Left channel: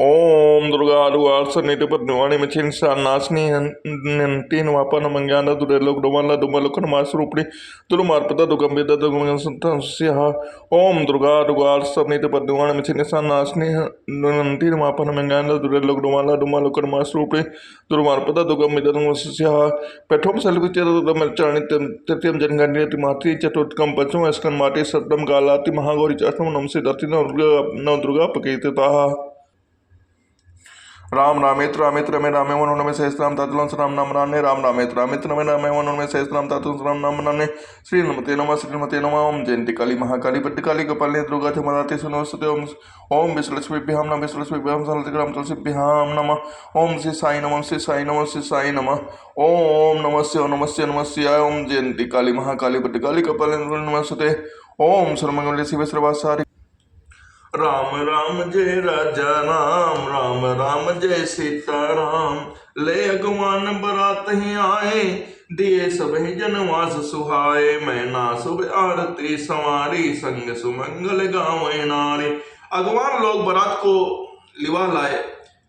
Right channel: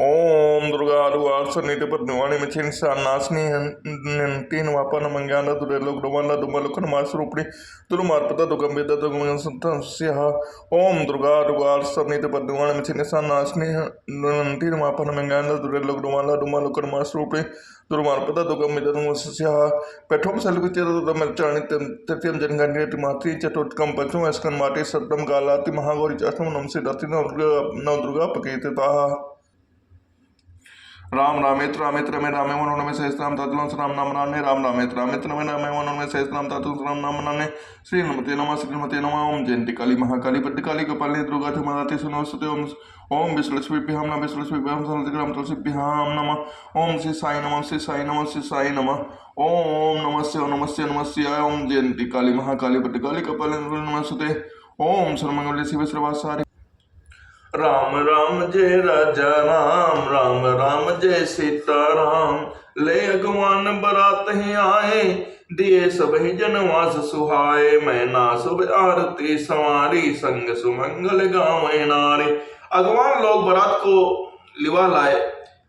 ओम दुर्गा दुर्वासनिधि पद्मिवाणी मिथिन नाशनी तीन वापन मंज्ञान दुर्लोक डोमाला दुमलोकन मासरूपणी दुर्मार्पदा दुगंबिदा दुगंसंतस्यः ओम दुर्गा दुर्वासनिधि पद्मिवाणी मिथिन नाशनी तीन वापन मंज्ञान दुर्लोक डोमाला दुमलोकन मासरूपणी दुर्मार्पदा दुगंबिदा दुगंसंतस्यः पेठोम सलविचरदमचाणि तत्यम जनगण्यति मातृ चतुर्थकम पंचम स्कंद माटी सप्तम कालाति महागौरी अष्टम नमसे दति नव दुर्गा पकीर्तिताः राम रामेत्र रामेत्र में रामे वनों में सहस्राम तातुलम राम नाम राने राम रामेत्र रामेत्र में रामे वनों में सहस्राम तातुलम राम नाम राने श्रीमते नमः ओम जयंती काली महाकाली भद्रकाली कपालिनी दुर्गा धमदाति सुनोस्तुते ओम विश्वलक्ष्मीभ्यां नमः विश्वलक्ष्मीभ्यां सरलग्राम तुलसीभ्यां नमः ओम श्री साई नमः श्री साई नमः श्री साई नमः ओम नमस्ते नमस्ते नमस्ते ओम जयंती काली महाकाली भद्रकाली कपालिनी नमस्ते ओम सर्वमंगल शिव सर्वासारि राम राम जय राजा राम राम राम जय सीताराम ले अगवान बरात ही आए दिए सबही जनवास सुहाए मैं ना शुभ आरती संवारी संग सुमंगल गावे नारे। अगवान लोग बारात को लिवा लाए,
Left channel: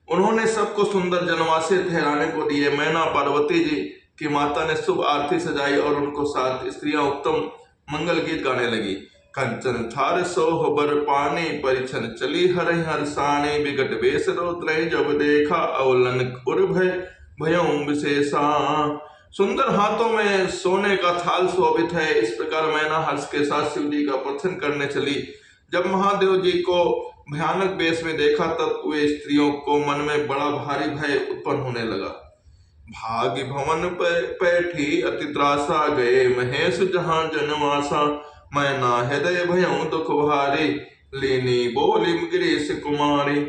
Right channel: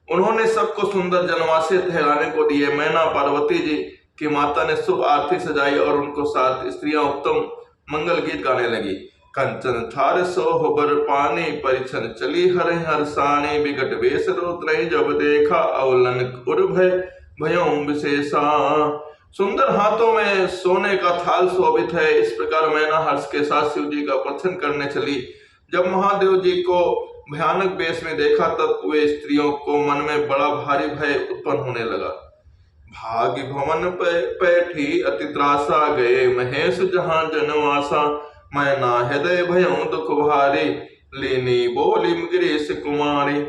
उन्होंने सबको सुंदर जनवासे ठहराने को दिए। मैना पार्वती जी की माता ने शुभ आरती सजाई और उनको साथ स्त्रियां उत्तम मंगल गीत गाने लगी। कंचन थार सोहबर पानी परिछन चली हर हरसानी विकट वेश रोत्रय जब देखा अवलन उर भय भयों विशेषा। सुंदर हाथों में सोने का थाल शोभित है। इस प्रकार मैना हर्ष के साथ शिव जी का प्रथन करने चली। जब महादेव जी को भयानक वेश में देखा तब वे स्त्रियों को मन में बड़ा भारी भय उत्पन्न होने लगा। भाग्य भवन पैठी अति त्रासा गए महेश जहां जनवासा मैं ना हृदय भयों दुख भारी लेनी बोली गिरीश कुमारी।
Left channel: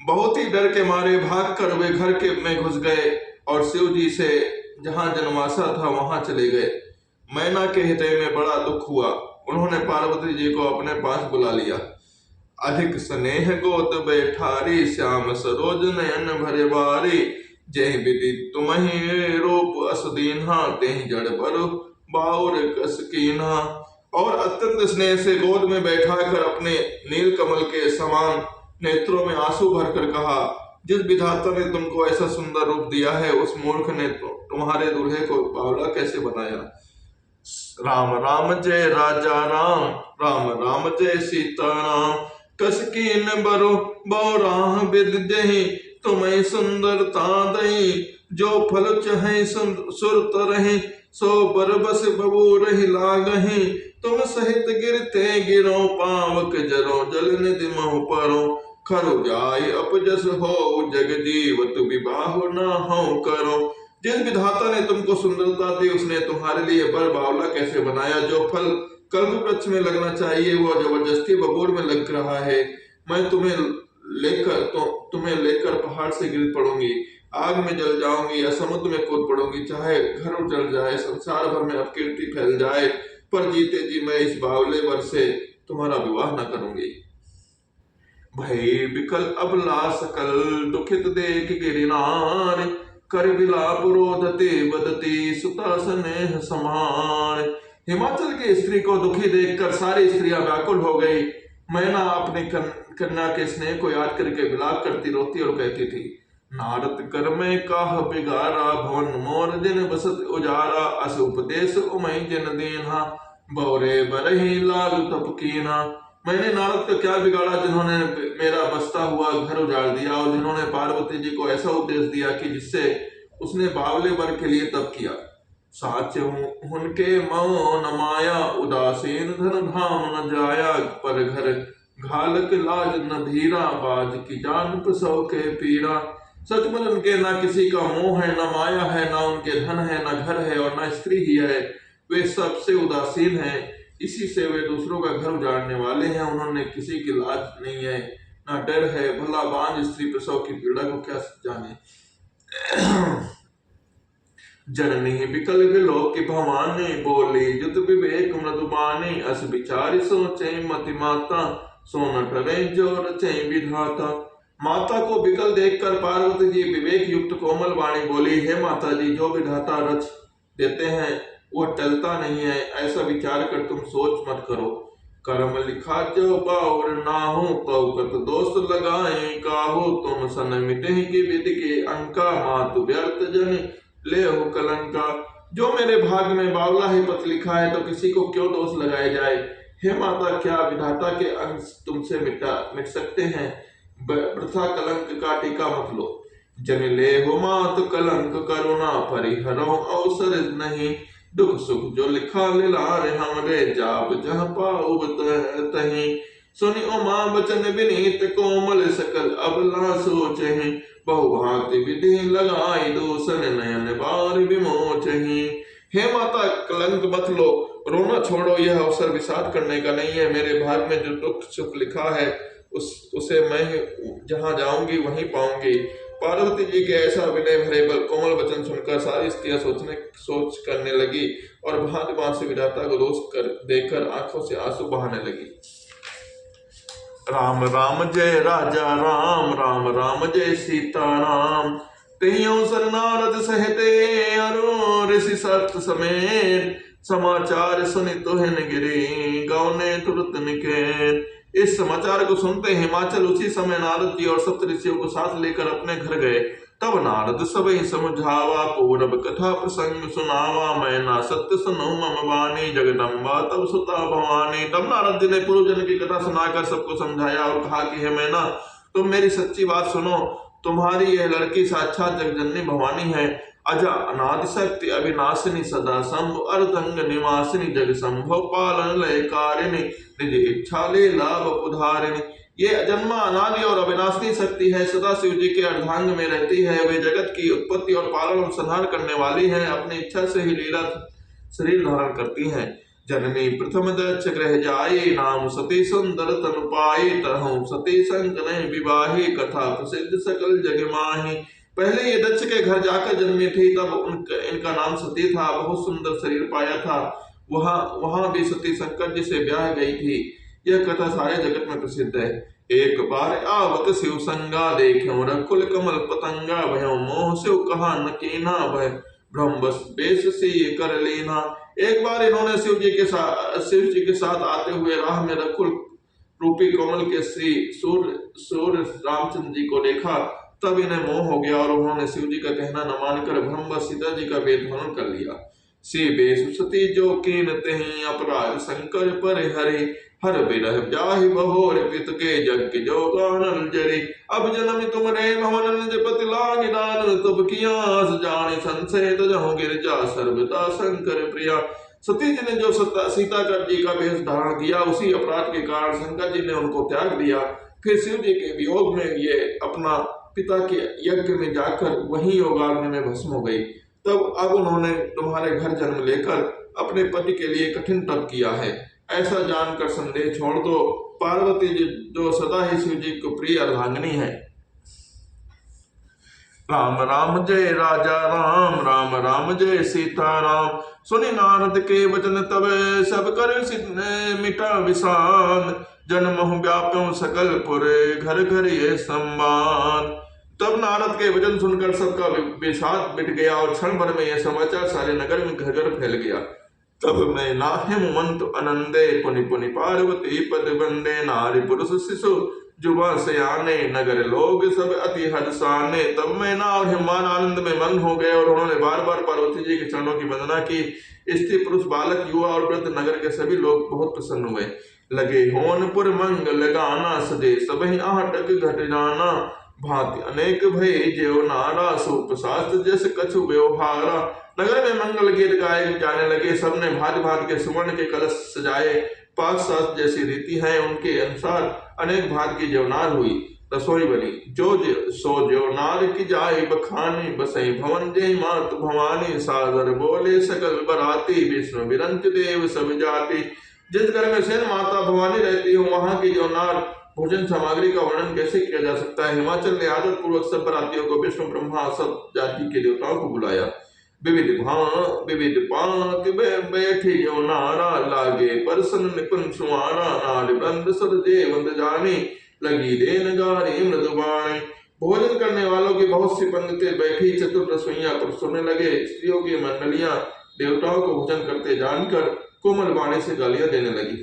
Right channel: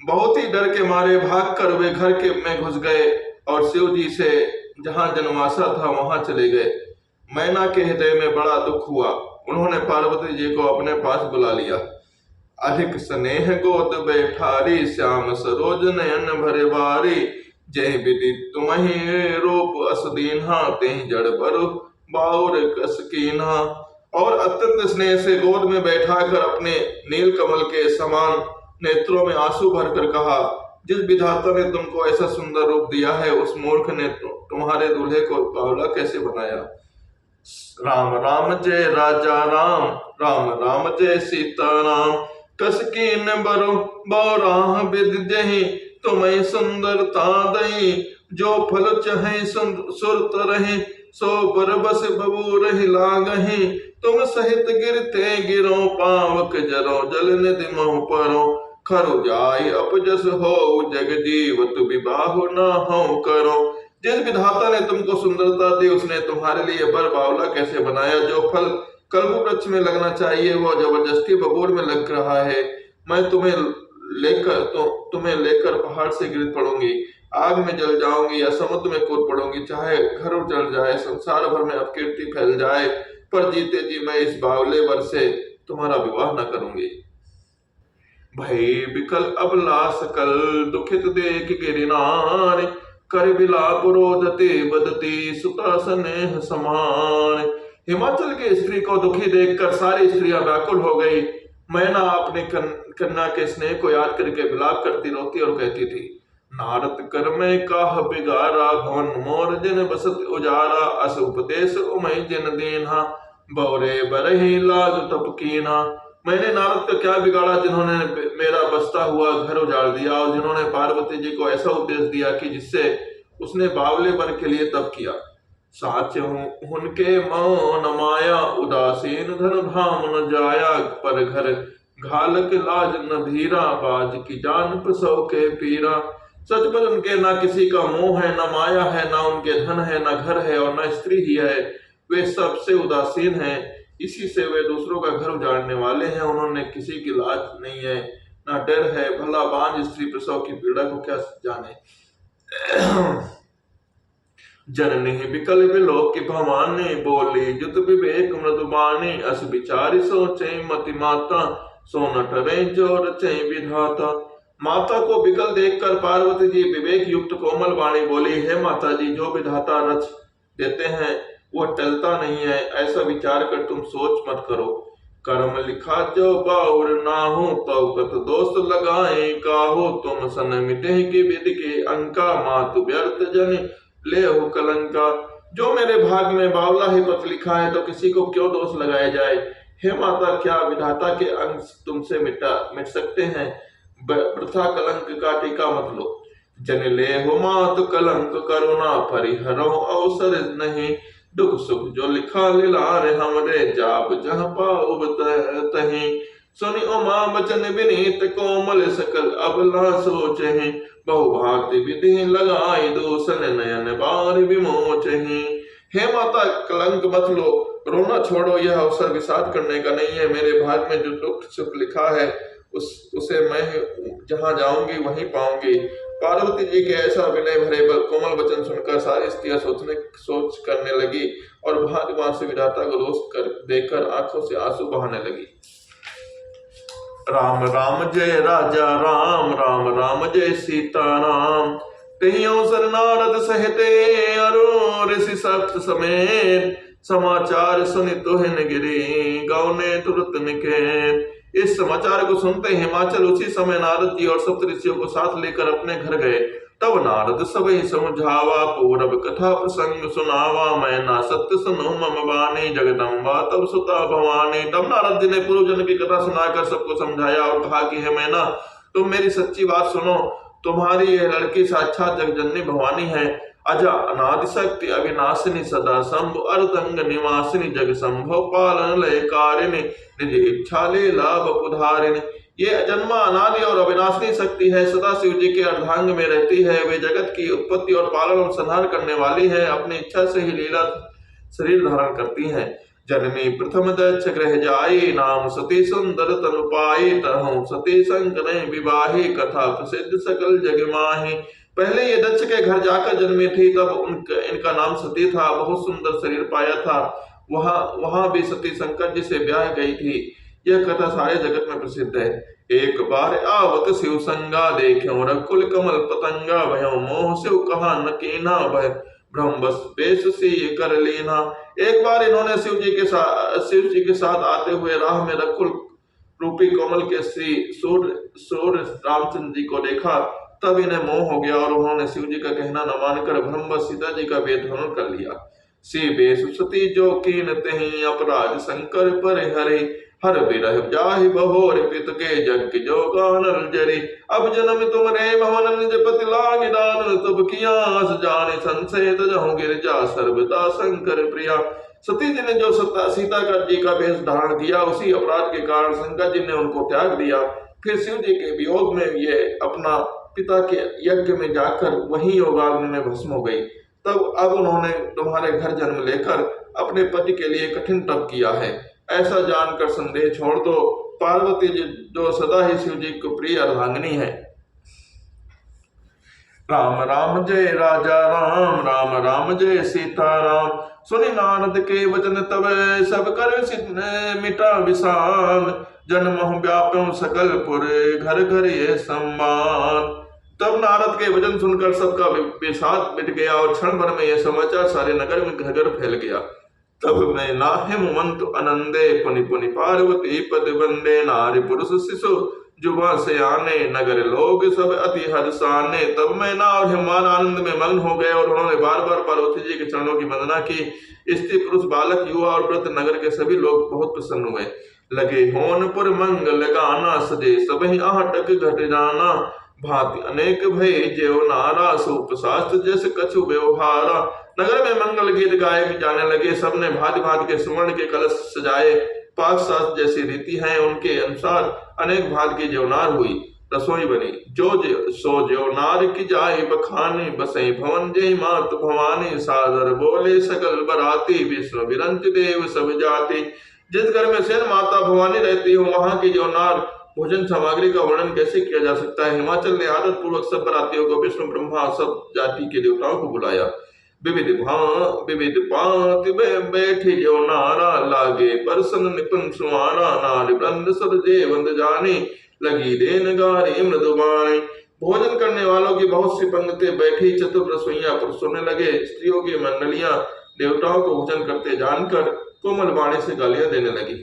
बहुत ही डर के मारे भाग कर वे घर के में घुस गए और शिव जी से जहां जनवासा था वहां चले गए। मैना के हृदय में बड़ा दुख हुआ। उन्होंने पार्वती जी को अपने पास बुला लिया। अधिक स्नेह गोद बैठारी श्याम सरोज नयन भरे बारी जय विधि तुम्हें रूप असदीन्हा तेह जड़ पर बाउर कस कीन्हा। और अत्यंत स्नेह से गोद में बैठाकर अपने नील कमल के समान नेत्रों में आंसू भरकर कहा, जिस विधाता ने तुमको ऐसा सुंदर रूप दिया है उस मूर्ख ने तुम्हारे दूल्हे को बावला कैसे बनाया। राम राम जय राजा राम राम राम जय सीताराम कस कीन बरो बौराह विद जही तुम्हें सुंदरता दई जो फल चहे सुरत रहे सो बरबस बबू रही लागही तुम सहित गिरते गिरो पावक जरो जल निधि मोह परो खरु जाय अपजस हो जग जीव तु विवाह न हो करो। जिस विधाता ने तुमको सुंदरता दी उसने तुम्हारे लिए बर बावला कैसे बनाया। जो फल कल्प वृक्ष में लगना चाहिए वो जबरदस्ती बबूर में लग रहा है। मैं तुम्हें लेकर पहाड़ से गिर पड़ूंगी, आग में जल जाऊंगी या समुद्र में कूद पड़ूंगी, चाहे घर उजड़ जाए संसार भर में अपकीर्ति फैल जाए, पर जीते जी मैं इस बावले वर से तुम्हारा विवाह न करूंगी। भय विकल अबला सकल दुखित देख गिरिनार कर विलाप रोदते बदती सुता स्नेह समान। हिमाचल की स्त्री को दुखी देखकर सारी स्त्रियां व्याकुल हो गई। मैना अपने कन्या के स्नेह को याद करके विलाप करती रोती और कहती थी, नारद कर में काह बिगारा भवन मोर जिन बसत उजारा अस उपदेश उमय जिन दीन्हा बौरे बरही लाग तप कीन्हा। मैंने नारद का क्या बिगाड़ा जिन्होंने मेरा बसता हुआ घर उजाड़ दिया और जिन्होंने पार्वती जी को ऐसा उपदेश दिया कि जिससे उसने बावले वर के लिए तप किया। साच उनके मौन माया उदासीन धन धाम न जाया पर घर घालक लाज न धीरा बाज की जान पसौ के पीरा। सचमुच उनके ना किसी का मोह है, ना माया है, ना उनके धन है, ना घर है और ना स्त्री ही है। वे सबसे उदासीन हैं, इसी से वे दूसरों का घर उजाड़ने वाले हैं। उन्होंने किसी की लाज नहीं है, ना डर है। भला बांझ स्त्री प्रसव की पीड़ा को क्या जाने। जननी विकल विलोक की भवानी बोली जुत विवेक मृदुबानी अस विचारी सोचे मति माता सोन टरे जोर चै विधाता। माता को विकल देखकर पार्वती जी विवेक युक्त कोमल वाणी बोली, हे माता जी, जो विधाता रच देते हैं वह टलता नहीं है, ऐसा विचार कर तुम सोच मत करो। कर्म लिखा जो बाउर ना हो, तौकत दोष लगाए काहो। तुम सन मिटे की विधि के अंका, मातु व्यर्थ जन ले हो कलंका। जो मेरे भाग में बावला ही पथ लिखा है, तो किसी को क्यों दोष लगाया जाए। हे माता, क्या विधाता के अंश तुमसे मिट सकते हैं। वृथा कलंक का टीका मत लो। जन ले हो मात कलंक, करुणा परिहरो अवसर नहीं। दुख सुख जो लिखा लिलार, हमरे जाप जह पाउब तहीं। सुनि उमा बचन विनीत, कोमल सकल अबला सोचहि। बहुभांति विधि लगाई, दूषण नयन बार विमोचहि। हे माता, कलंक मत लो, रोना छोड़ो। यह अवसर विषाद करने का नहीं है। मेरे भाग में जो दुख सुख लिखा है, उसे मैं जहां जाऊंगी वहीं पाऊंगी। पार्वती जी के ऐसा विनय भरे कोमल वचन सुनकर सारी स्त्रियां सोच करने लगी और भांति भांति से विधाता को दोष देकर आंखों से आंसू बहाने लगी। राम राम जय राजा राम, राम राम जय सीता राम। कहीं अवसर नारद सहते, अरु ऋषि सप्त समेत। समाचार सुनि तुहिन गिरी, गौने तुरत निकेत। इस समाचार को सुनते हिमाचल उसी समय नारद जी और सप्त ऋषियों को साथ लेकर अपने घर गए। तब नारद सबहि समझावा, पूरब कथा प्रसंग सुनावा। मैं ना सत्य सुनो मम बानी, जगदम्बा तब सुता भवानी। तब नारद जी ने पूर्व जन की कथा सुनाकर सबको समझाया और कहा कि हे मैना, तुम मेरी सच्ची बात सुनो। तुम्हारी यह लड़की साक्षात जगजननी भवानी है। अजा अनादि शक्ति अविनाशिनी, सदा शंभु अर्धंग निवासिनी। जग संभव पालन लय कारिणी, निज इच्छा ले लाभ पुधारिणी। ये अजन्मा अनादि और अविनाशी शक्ति है, सदा शिव जी के अर्धांग में रहती है। वे जगत की उत्पत्ति और पालन और संहार करने वाली है। अपनी इच्छा से ही लीला शरीर धारण करती है। जननी प्रथम दक्ष गृह जाई, नाम सती सुंदर तनु पाई। तरहु सती संकरहि विवाही, कथा प्रसिद्ध सकल जग माही। पहले ये दक्ष के घर जाकर जन्मी थी, तब इनका नाम सती था। बहुत सुंदर शरीर पाया था। वहां भी सती शंकर जी से ब्याह गई थी। यह कथा सारे जगत में प्रसिद्ध है। एक बार आवत शिव संगा, देख्यो रकुल कमल पतंगा। भयो मोह शिव कहा न कीना, भय भ्रम बस बेश से ये कर लेना। एक बार इन्होंने शिव जी के साथ आते हुए राह में रकुल रूपी कमल के श्री सूर्य रामचंद्र जी को देखा। तब इन्हें मोह हो गया और उन्होंने शिव जी का कहना न मानकर भ्रमवश सीता जी का वेद हरण कर लिया। सी बेश सती जो कीन तहीं, अपराध शंकर पर हरि। हर बिरह जाहि बहोर पित के, जग के जो गानल जरी। अब जन्म तुम रे भवन, निज पति लाग दान। तब कियास जाने संशय, तजहु गिरजा सर्वदा शंकर प्रिया। सती जी ने जो सीता जी का वेश धारण किया, उसी अपराध के कारण शंकर जी ने उनको त्याग दिया। फिर शिव जी के वियोग में ये अपना पिता के यज्ञ में जाकर वही योगाग्नि में भस्म हो गई। तब अब उन्होंने तुम्हारे घर जन्म लेकर अपने पति के लिए कठिन तप किया है। ऐसा जानकर संदेह छोड़ दो। पार्वती जी जो सदा ही शिव जी को प्रिय अर्धांगिनी है। राम राम जय राजा राम, राम राम जय सीता राम। सुनि नारद के वचन तब, सब कर मिटा विषाद। जन्म व्याप्यों सकल पुर, घर घर ये सम्मान। तब नारद के वचन सुनकर सबका विषाद मिट गया और क्षण भर में यह समाचार सारे नगर में घर घर फैल गया। तब मैं नाहिम मंत आनंदे, पुनि पुनि पार्वती पद बंदे। नारी पुरुष शिशु जुबा सयाने, नगर लोग सब अति हर्षाने। तब मैना और हिमान आनंद में मग्न हो गए और उन्होंने बार बार पार्वती जी के चरणों की वंदना की। स्त्री पुरुष बालक युवा और वृद्ध नगर के सभी लोग बहुत प्रसन्न हुए। लगे होनपुर मंगल गाना, सजे सबहि आहटक घट जाना। भांति अनेक भय जेव नारा, सूप शास्त्र जैसे कछु व्यवहारा। नगर में मंगल गीत गाए जाने लगे। सबने भांति भांति के सुवर्ण के कलश सजाए। पाक शास्त्र जैसी रीति है उनके अनुसार अनेक भांति की जेवनार हुई। रसोई बनी सो जेवनार की जाए बखानी। बसई भवन जय मात भवानी, सादर बोले सकल बराती। विष्णु विरंच देव सब जाति। जिस घर में सेन माता भवानी रहती हो, वहां की जेवनार भोजन सामग्री का वर्णन कैसे किया जा सकता है। हिमाचल ने आदत पूर्वक सब बरातियों को विष्णु ब्रह्मा सब जाति के देवताओं को बुलाया। विविध पांति बैठी जो नारा, लागे परसन निपुण सुमारा। नार वृंद सरजे वंद जानी, लगी देन गारी मृदुबाणी। भोजन करने वालों की बहुत सी पंक्ति बैठी चतुर रसोइयां पर सोने लगे। स्त्रियों की मंडलियां देवताओं को भोजन करते जानकर कोमल वाणी से गालियां देने लगी।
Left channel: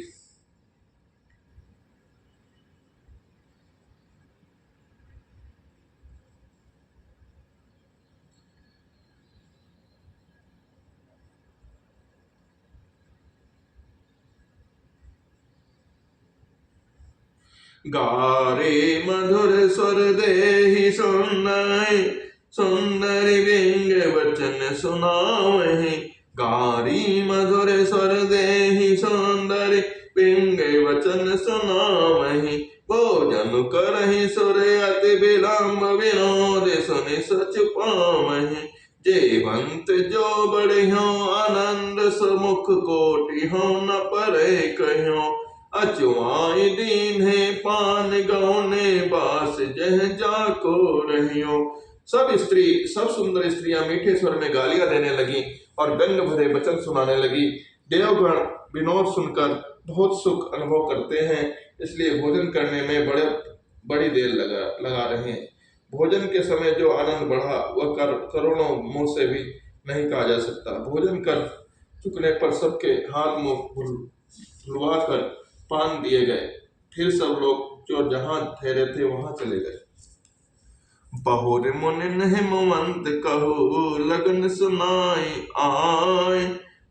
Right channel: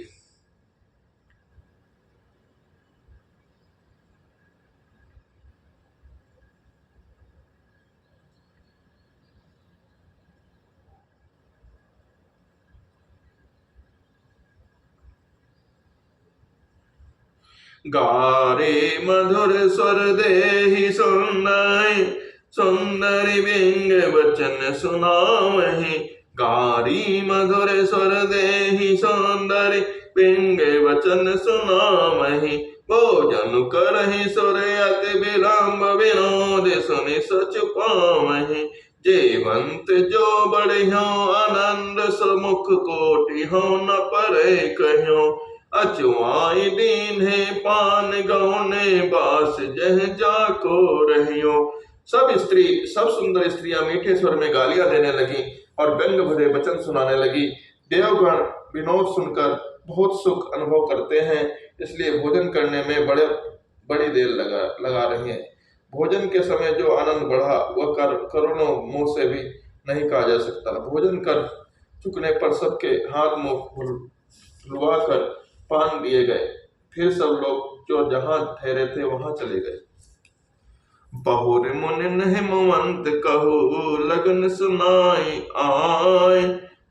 गारे मधुर स्वर देहि सुंदर सुंदरी बिंग वचन सुनावहि। गारी मधुर स्वर देहि सुंदरी बिंग वचन सुनावहि। भोजन करहि सुर अति विलंब विनोद सुनि सच पावहि। जेवंत जो बढ़ियो आनंद सुमुख कोटि हो न परे कहियो। अचुआई दीन्हे पान गौने बास जह जाको रहियो। सब सुंदर स्त्रियां मीठे स्वर में गालियां देने लगी और व्यंग भरे वचन सुनाने लगी। देवगण विनोद सुनकर बहुत सुख अनुभव करते हैं, इसलिए भोजन करने में बड़ी देर लगा रहे हैं। भोजन के समय जो आनंद बढ़ा वह करोड़ों मुंह से भी नहीं कहा जा सकता। भोजन कर चुकने पर सबके हाथ मुंह धुलवा कर पान दिए गए। फिर सब लोग जो जहां ठहरे थे वहां चले गए। बहुर मुनि हिमवंत कहु लगन सुनाई आय।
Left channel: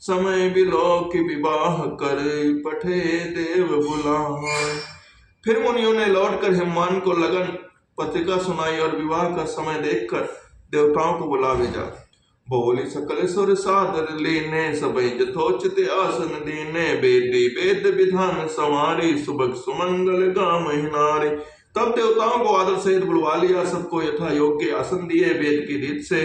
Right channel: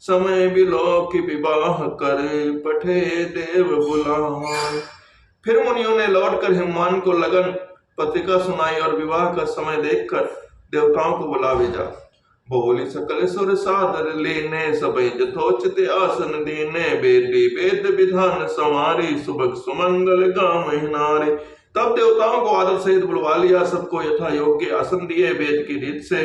समय बिलोक विवाह कर पठे देव बुलाए। फिर मुनियों ने लौटकर हिमवान को लगन पत्रिका सुनाई और विवाह का समय देखकर देवताओं को बुला भेजा। बोली सकल सुर सादर लेने सबई यथोचित आसन दीने। वेदी वेद विधान संवारी सुबह सुमंगल गाम नारी। तब देवताओं को आदर सहित बुलवा लिया, सबको यथा योग्य आसन दिए। वेद की रीत से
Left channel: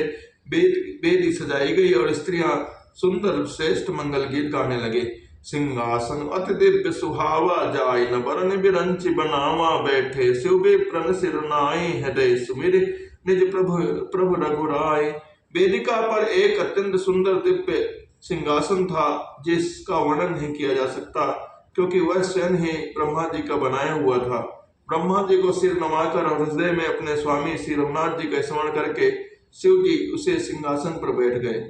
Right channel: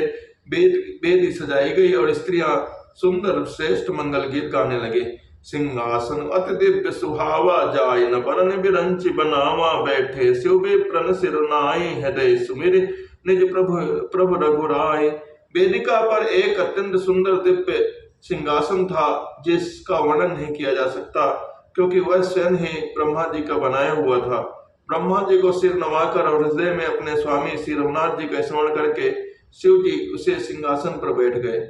वेदी सजाई गई और स्त्रियां सुंदर श्रेष्ठ मंगल गीत गाने लगे। सिंहासन अति दिव्य सुहावा जाय न बरन बिरंच बनावा। बैठे शिव विप्रन सिर नाई हृदय सुमिर निज प्रभु रघुराय। वेदिका पर एक अत्यंत सुंदर दिव्य सिंहासन था जिसका वर्णन नहीं किया जा सकता, क्योंकि वह स्वयं ही ब्रह्मा जी का बनाया हुआ था। ब्रह्मा जी को सिर नवाकर और हृदय में अपने स्वामी श्री रघुनाथ जी का स्मरण करके शिव जी उसे सिंहासन पर बैठ गए।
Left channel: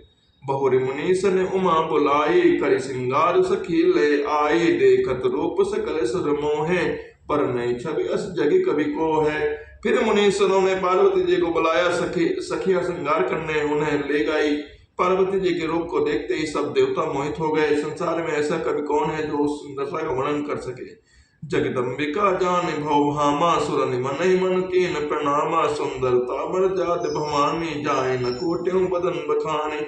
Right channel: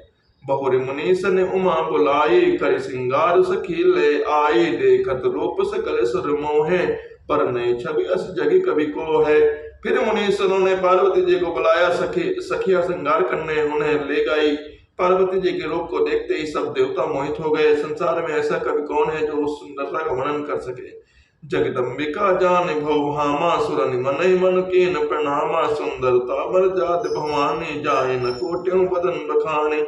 बहुरी मुनीस ने उमा बुलाई करि सिंगार सखी ले आई। देखत रूप सकल सुर मोहे पर नहीं छवि अस जगी कवि को है। फिर मुनीसों ने पार्वती जी को बुलाया। सखिया श्रृंगार करने उन्हें ले गई। पार्वती जी के रूप को देखते ही सब देवता मोहित हो गए। संसार में ऐसा कवि कौन है जो उस सुंदरता का वर्णन कर सके। जगदम्बिका जान भौभामा सुर निमन मन कीन प्रणामा। सुंदरता बर जात भवानी जाय न कोट्यों बदन बखाने।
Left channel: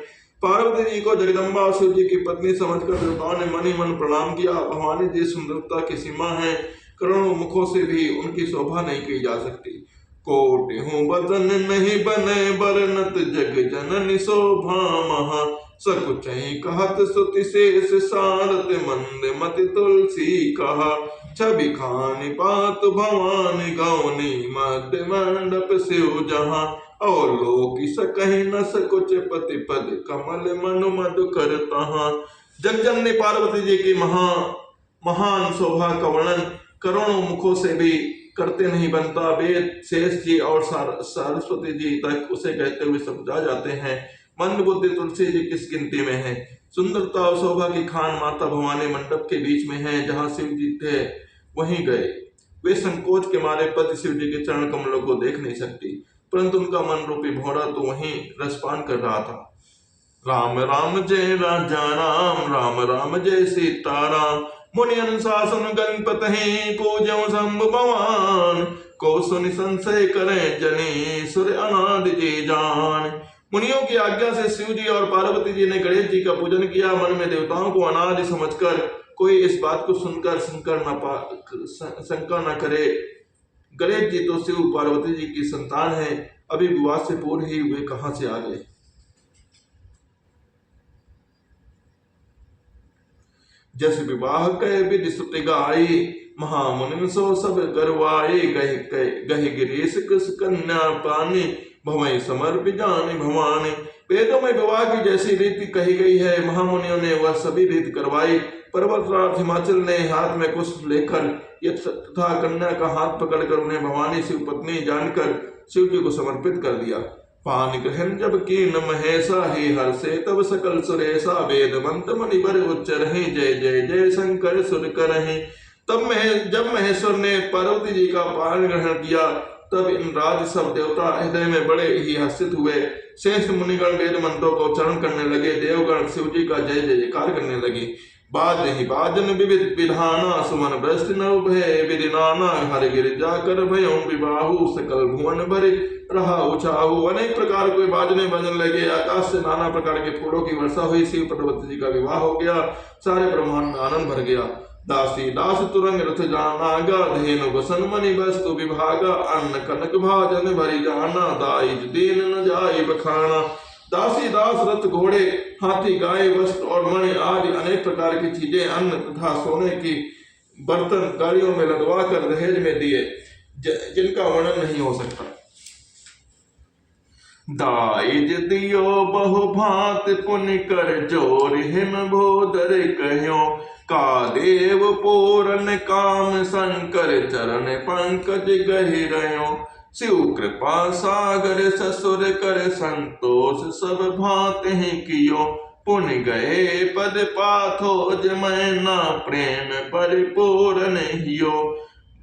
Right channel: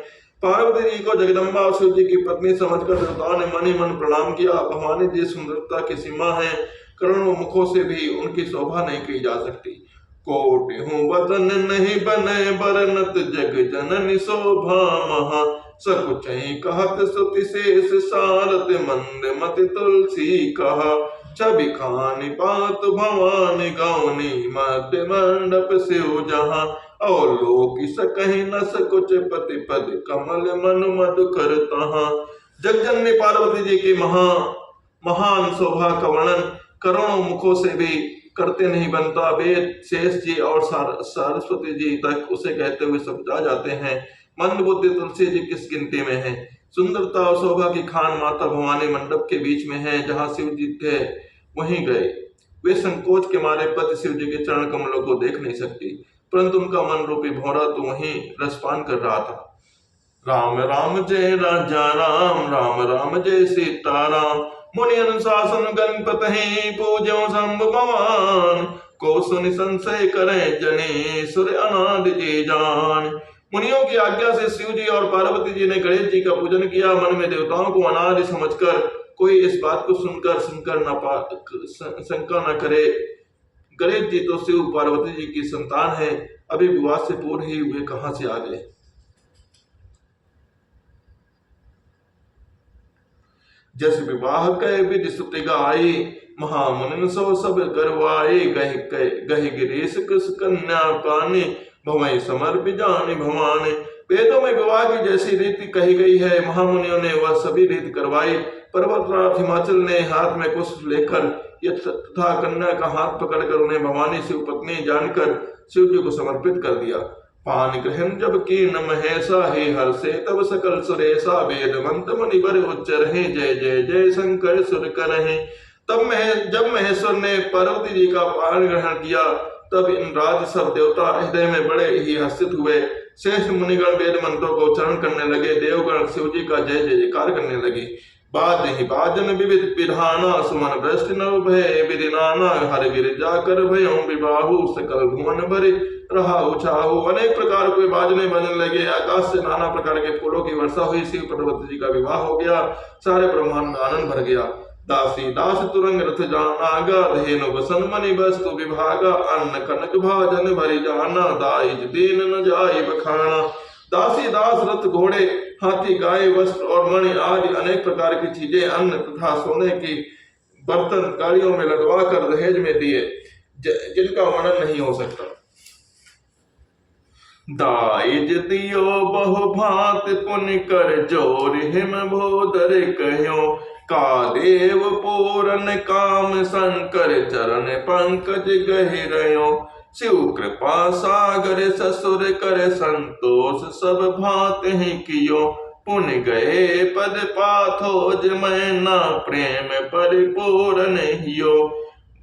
पार्वती जी को जगदम्बा शिव जी की पत्नी समझकर देवताओं ने मन ही मन प्रणाम किया। भवानी जी सुंदरता की सीमा है, करोड़ों मुखों से भी उनकी शोभा नहीं की जा सकती। कोटि हूँ बदन नहीं बने बरनत जग जननी शोभा महा। सकुचहि कहत सुति शेष सारथ मंद मति तुलसी कहा। छवि खानी पात भवानी गौनी मध्य मंडप शिव जहाँ। और लोक सकहि न सकुच पति पद कमल मनु मधु कर तहाँ। जगजननी पार्वती जी की महान शोभा का वर्णन करोड़ों मुखों से भी करते नहीं बनता। वेद शेष जी और सरस्वती जी तक उसे कहते हुए समझा जाते हैं। मंद बुद्धि तुलसी जी किस गिनती में है। सुंदरता और शोभा की खान माता भवानी मंडप के बीच में है। जहाँ शिव जी थे वहीं गए। वे संकोच के मारे पति शिव जी के चरण कमलों को देख नहीं सकती, परंतु उनका मन रूपी भौरा तो वहीं रसपान कर रहा था। राम राम जय राजा राम, राम राम जय सीताराम। मुनि अनुशासन गणपति पूज्यो शंभु भगवान। को सुनि संशय करें जनी सुर अनादि जी जान। मुनियों की आज्ञा से शिव जी और पार्वती जी ने गणेश जी का पूजन किया। मन में देवताओं को अनादि समझकर कोई इस बात को सुनकर शंका न करे। गणेश जी तो शिव पार्वती जी की संतान है, अभी विवाह से पूर्व ही वे कहां से आ गए। जस विवाह कह विधि सुति गाई, महामुनि सो सब करवाए। गहि गिरीश कृष कन्या पानी, भवई समर्पि जानि भवानी। वेदों में विवाह की जैसी रीति कही गई है, महामुनियों ने वह सभी रीति करवाई। पर्वतराज हिमाचल ने हाथ में पुष्प लेकर तथा कन्या का हाथ पकड़कर उन्हें भवानी शिव पत्नी जानकर शिव जी को समर्पित कर दिया। पान ग्रहण जब कीन महेशा, हे हर से तब सकल सुरेशा। वेद मंत्र मणि बर उच्चर है, जय जय जय शंकर सुर करहे। जब महेश्वर ने पार्वती जी का पान ग्रहण किया, तब इन राज सब देवता हृदय में बड़े ही हर्षित हुए। शेष मुनिगण वेद मंत्रों का उच्चारण करने लगे। देवगण शिव जी का जय जयकार करने लगे। बाजहि बाजन विविध विधाना सुमन भ्रष्ट नव भय विधि नाना हरि गिरिजा कर भयों विबाहु सकल भुवन भरे रहा उछाहु। अनेक प्रकार के बाजने बजने लगे, आकाश से नाना प्रकार के फूलों की वर्षा हुई, शिव पार्वती जी का विवाह हो गया, सारे ब्रह्मांड में आनंद भर गया। दासी दास तुरंग रथ जानागा, धेनु बसन मणि वस्तु विभागा, अन्न कनक भाजन भरी जाना, दाई दीन न जाए बखाना। दासी दास रथ घोड़े हाथी गाय वस्त्र और मणि आदि अनेक प्रकार की चीजें, अन्न तथा सोने की बर्तन गाड़ियों में लदवा कर दहेज में दिए, जिनका वर्णन नहीं हो सकता। दाइज दियो बहु भांत पुण्य कर जोर हिम भोदर कहो, का देव पूरन काम शंकर चरण पंकज गहि रहो। शिव कृपा सागर ससुर कर संतोष सब भांत ही कियो, पुण्य गए पद पाथो मैना प्रेम परिपूर्ण हियो।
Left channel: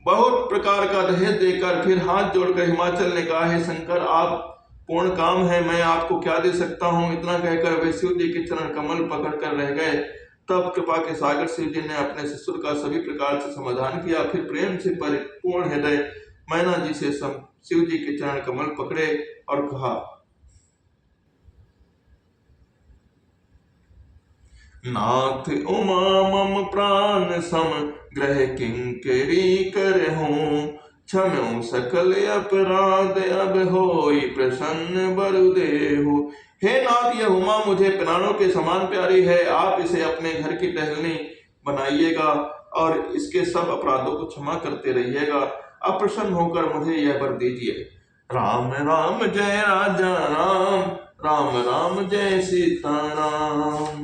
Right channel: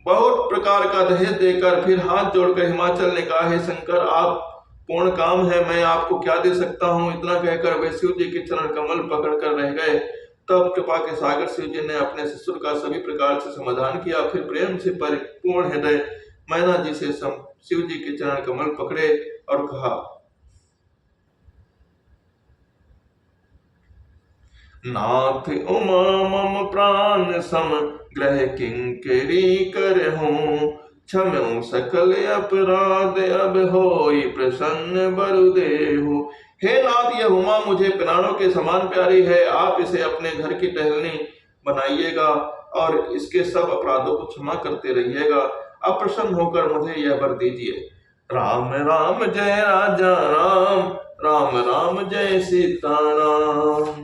बहुत प्रकार का दहेज देकर फिर हाथ जोड़कर हिमाचल ने कहा, हे शंकर आप पूर्ण काम है, मैं आपको क्या दे सकता हूँ। इतना कहकर वे शिव जी के चरण कमल पकड़ कर रह गए। तब कृपा के सागर शिव जी ने अपने ससुर का सभी प्रकार से समाधान किया। फिर प्रेम से परिपूर्ण हृदय मैना जी से शिव जी के चरण कमल पकड़े और कहा, नाथ उमा मम प्राण सम ग्रह किंकरी करहूं, क्षम्यो सकल अपराध अब होई प्रसन्न बरु देहु। हे नाथ, यह उमा मुझे प्राणों के समान प्यारी है, आप इसे अपने घर की टहलनी बनाइएगा और इसके सब अपराधों को क्षमा करते रहिएगा। अब प्रसन्न होकर मुझे यह वर दीजिए। राम राम जय राजा राम, राम राम जय सीता राम।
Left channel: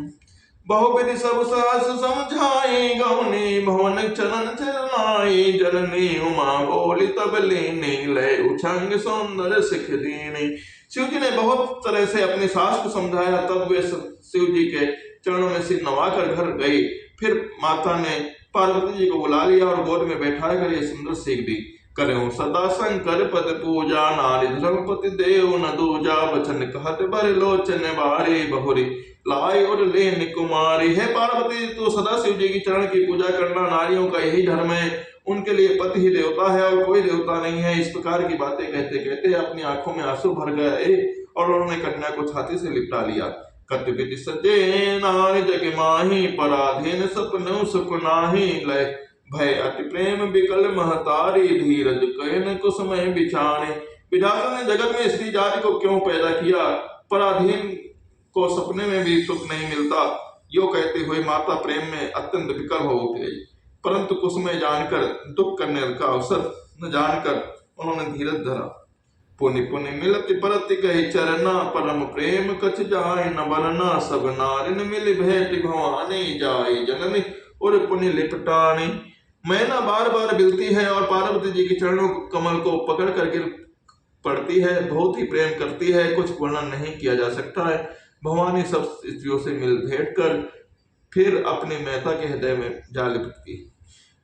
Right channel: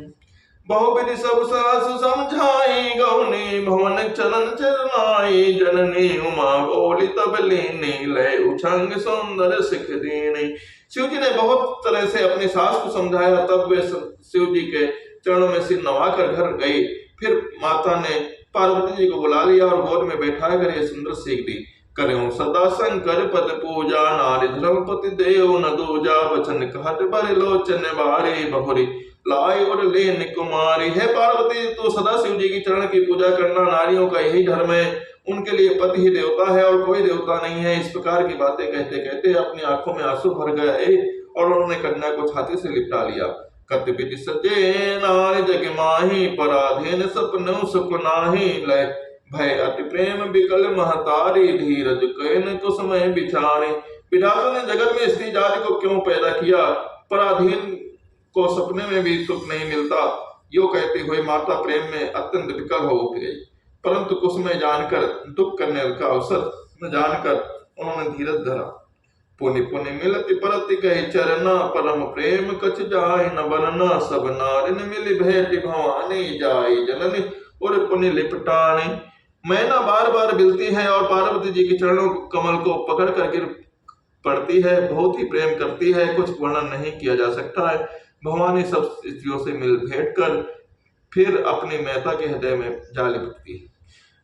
बहुविधि सब सहस समझाई, गौनी भवन चरण चरनाई। जननी उमा बोली तब लीनी, लय उछंग सुंदर सिख दीनी। शिव जी ने बहुत तरह से अपनी सास को समझाया, तब वे शिव जी के चरणों में सिर नवाकर घर गई। फिर माता ने पार्वती जी को बुला लिया और गोद में बैठा कर ये सुंदर सीख दी। करें सदा शंकर पद पूजा, नारी धर्मपति देव न दूजा। बचन कहत बर लोचन बारी, बहुरी लाई और लेन कुमारी। है पार्वती, तो सदा शिव जी की चरण की पूजा करना, नारियों का यही धर्म है, उनके लिए पति ही देवता है और कोई देवता नहीं है। इस प्रकार की बातें कहते कहते अपनी आंखों में आंसू भर गए और उन्होंने कन्या को छाती से लिपटा लिया। कत विधि सजे नारी जग माही, पराधीन सपनों सुख नाही। लय भय अति प्रेम विकल महतारी, धीरज कैन कुसुमय बिछाने। विधाता ने जगत में स्त्री जाति को क्यों पैदा किया, पराधीन को सपने में भी सुख नहीं मिलता। यो कहते हुए माता प्रेम में अत्यंत विकल हो गई, परंतु कुसुमय जानकर दुख करने का अवसर न जानकर उन्होंने धीरज धरा। पुनि पुनि मिलति परति गई चरना, परम प्रेम कछ जाय न बनना। सब नारिन मिल भेट भवानी, जाई जननी और पुनि लिपटानी। मैना बार बार मिलती है और पार्वती जी के चरणों कमल को पकड़ कर गिर पड़ती है, बहुत ही प्रेम करती है, कुछ वर्णन नहीं किया जा सकता है। भवानी सब स्त्रियों से मिल भेंट कर फिर अपनी मेहता के हृदय में जा लिपटती है।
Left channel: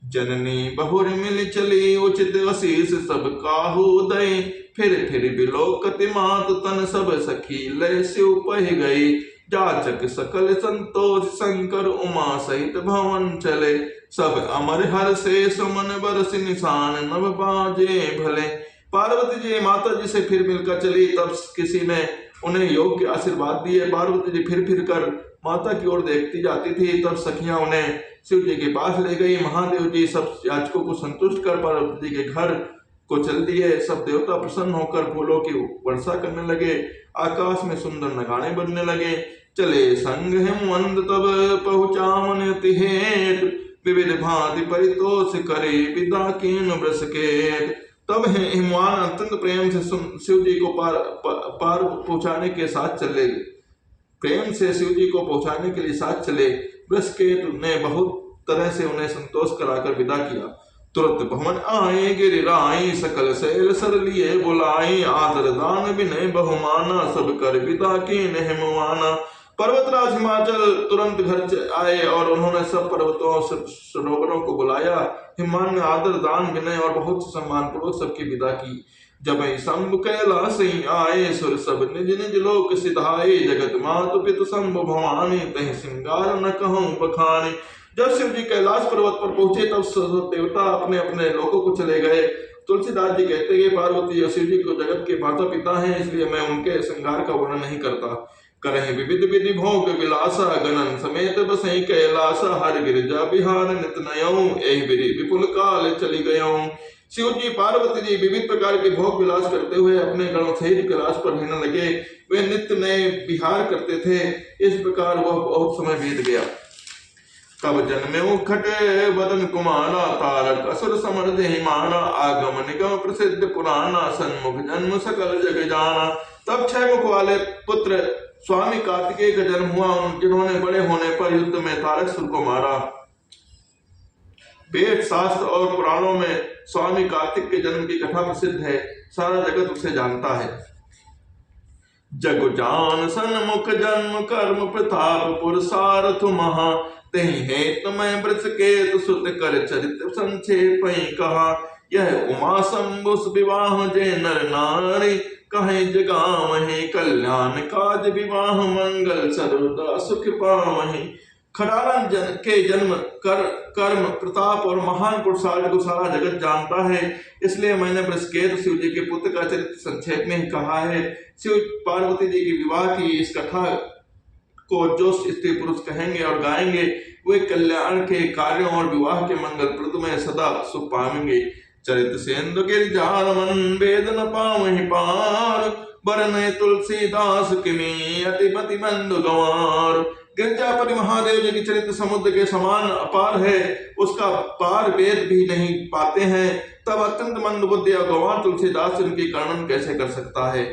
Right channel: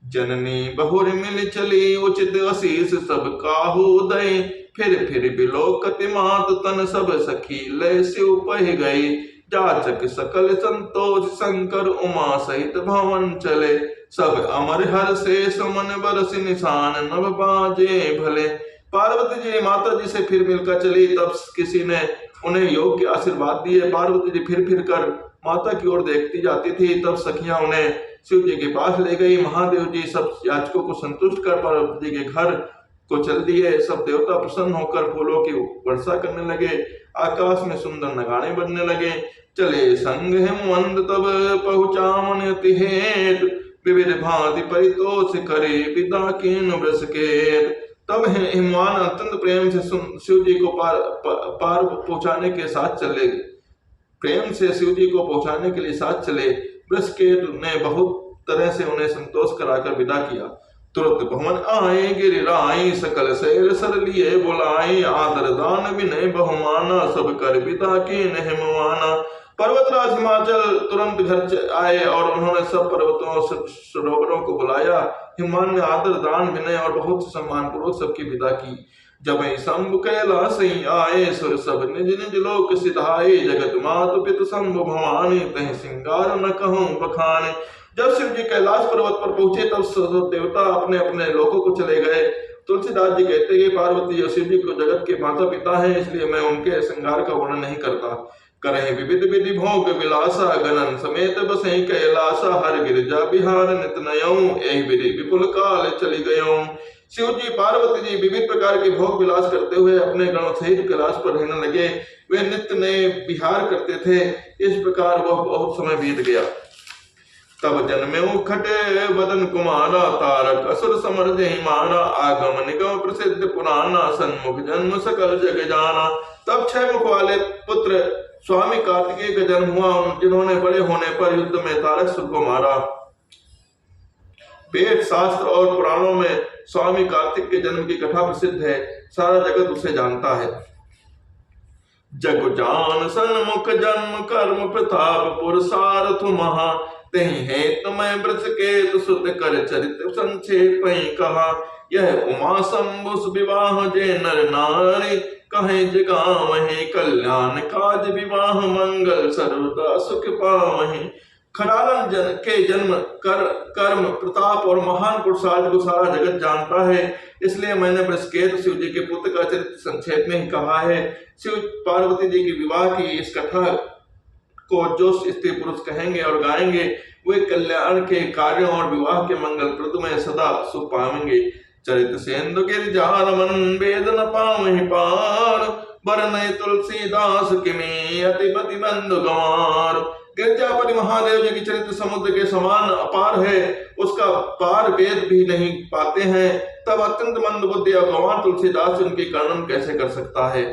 जननी बहुर मिल चली, उचित आशीष सब काहू दई। फिर बिलोकत मात तन, सब सखी लय शिव पह गई। जाचक सकल संतोष, शंकर उमा सहित भवन चले। सब अमर हर से सुमन बरस निशान, नभ बाजे भले। पार्वती जी माता जी से फिर मिलकर चली, तब किसी ने उन्हें योग के आशीर्वाद दिए। पार्वती जी फिर कर माता की ओर देखती जाती थी, तब सखियां उन्हें शिव जी के पास ले गई। महादेव जी सब याचकों को संतुष्ट कर पार्वती जी के घर को चल दिए। सब देवता प्रसन्न होकर फूलों की वर्षा करने लगे, आकाश में सुंदर नगाड़े बनने लगे। चले संग हिमवंत तब पहुँचा मन तिहेत, विविध भांति परितोष करे विदा कीन वृष के। तब हिमवान अत्यंत प्रेम से शिव जी को पार पहुंचाने के साथ चले, प्रेम से शिव जी को पहुंचाने के लिए साथ चले। वृषकेतु ने बहुत तरह से उन्हें संतोष कराकर विदा किया। तुरंत भवन आए गिरिराई, सकल शैल सर लिए बुलाई। आदर दान विनय बहुमाना, सब कर विदा कीन हिमवाना। पर्वतराज हिमाचल तुरंत घर आए और उन्होंने सब पर्वतों सरोवरों को बुलाया। हिमान ने आदर दान विनय और बहुत सम्मान पूर्वक सबकी विदा की। जब शंभु कैलास आए सुर सब निज निज लोक सिधाए जगत मातु पितु शंभु भवानी तह सिंगार न कहूं बखाने। जब शिव जी कैलाश पर्वत पर पहुंचे तब देवता अपने अपने लोकों को चले गए। तुलसीदास जी कहते हैं पार्वती और शिव जी को जगत के माता पिता है, इसलिए मैं उनके श्रृंगार का वर्णन नहीं करता। करें विविध विधि भोग विलासा गणन समेत बसई कैलासा हर गिरिजा बिहार नित नयऊं एहि विधि विपुल काल चली गयऊं। शिव जी पार्वती जी विविध प्रकार के भोग विलास करते हुए अपने गणों सहित कैलाश पर रहने लगे। वे नित्य नए विहार करते थे। इस प्रकार वह बहुत समय बीत गया। तब जन्मेऊ खटे वदन कुमारा तारक असुर समर जहि माना आगम निगम प्रसिद्ध पुराना सन्मुख जन्म सकल जग जाना। तब 6 मुख वाले पुत्र स्वामी कार्तिकेय का जन्म हुआ, जिन्होंने बड़े होने पर युद्ध में तारकासुर को मारा। वेद शास्त्र और पुराणों में स्वामी कार्तिक के जन्म की कथा प्रसिद्ध है, सारा जगत उसे जानता है। जग जान सन्मुख जन्म कर्म प्रताप पुरसारथ महा तेहि हेतु मैं वृष केतु सुत कर चरित संक्षेप कहा। यह उमा शंभु विवाह जे नर नारी कहे जगावहि कल्याण काज विवाह मंगल सर्वदा सुख पावहि। खड़ालन के जन्म कर्म प्रताप और महान पुरुषार्थ को सारा जगत जानता है, इसलिए मैंने वृषकेतु शिव जी के पुत्र का चरित्र संक्षेप में ही कहा है। शिव पार्वती जी की विवाह की इस कथा को जो स्त्री पुरुष कहेंगे और गाएंगे वे कल्याण के कार्यों और विवाह के मंगल प्रद में सदा सुख पाएंगे। चरित सेंदु गिरिजाल मन वेद न पावहि पार बरने तुलसीदास किमी अतिपति बंधु गंवार। गिरजापति महादेव जी की चरित्र समुद्र के समान अपार है, उसका पार वेद भी नहीं पाते हैं। तब अत्यंत मंद बुद्धि और गंवार तुलसीदास उनकी वर्णन कैसे कर सकता है।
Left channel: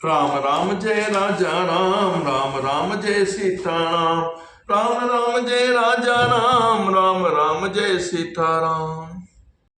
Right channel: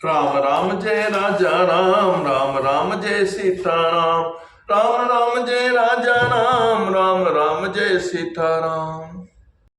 राम राम जय राजा राम राम राम जय सीताराम राम राम जय राजा राम राम राम जय सीताराम।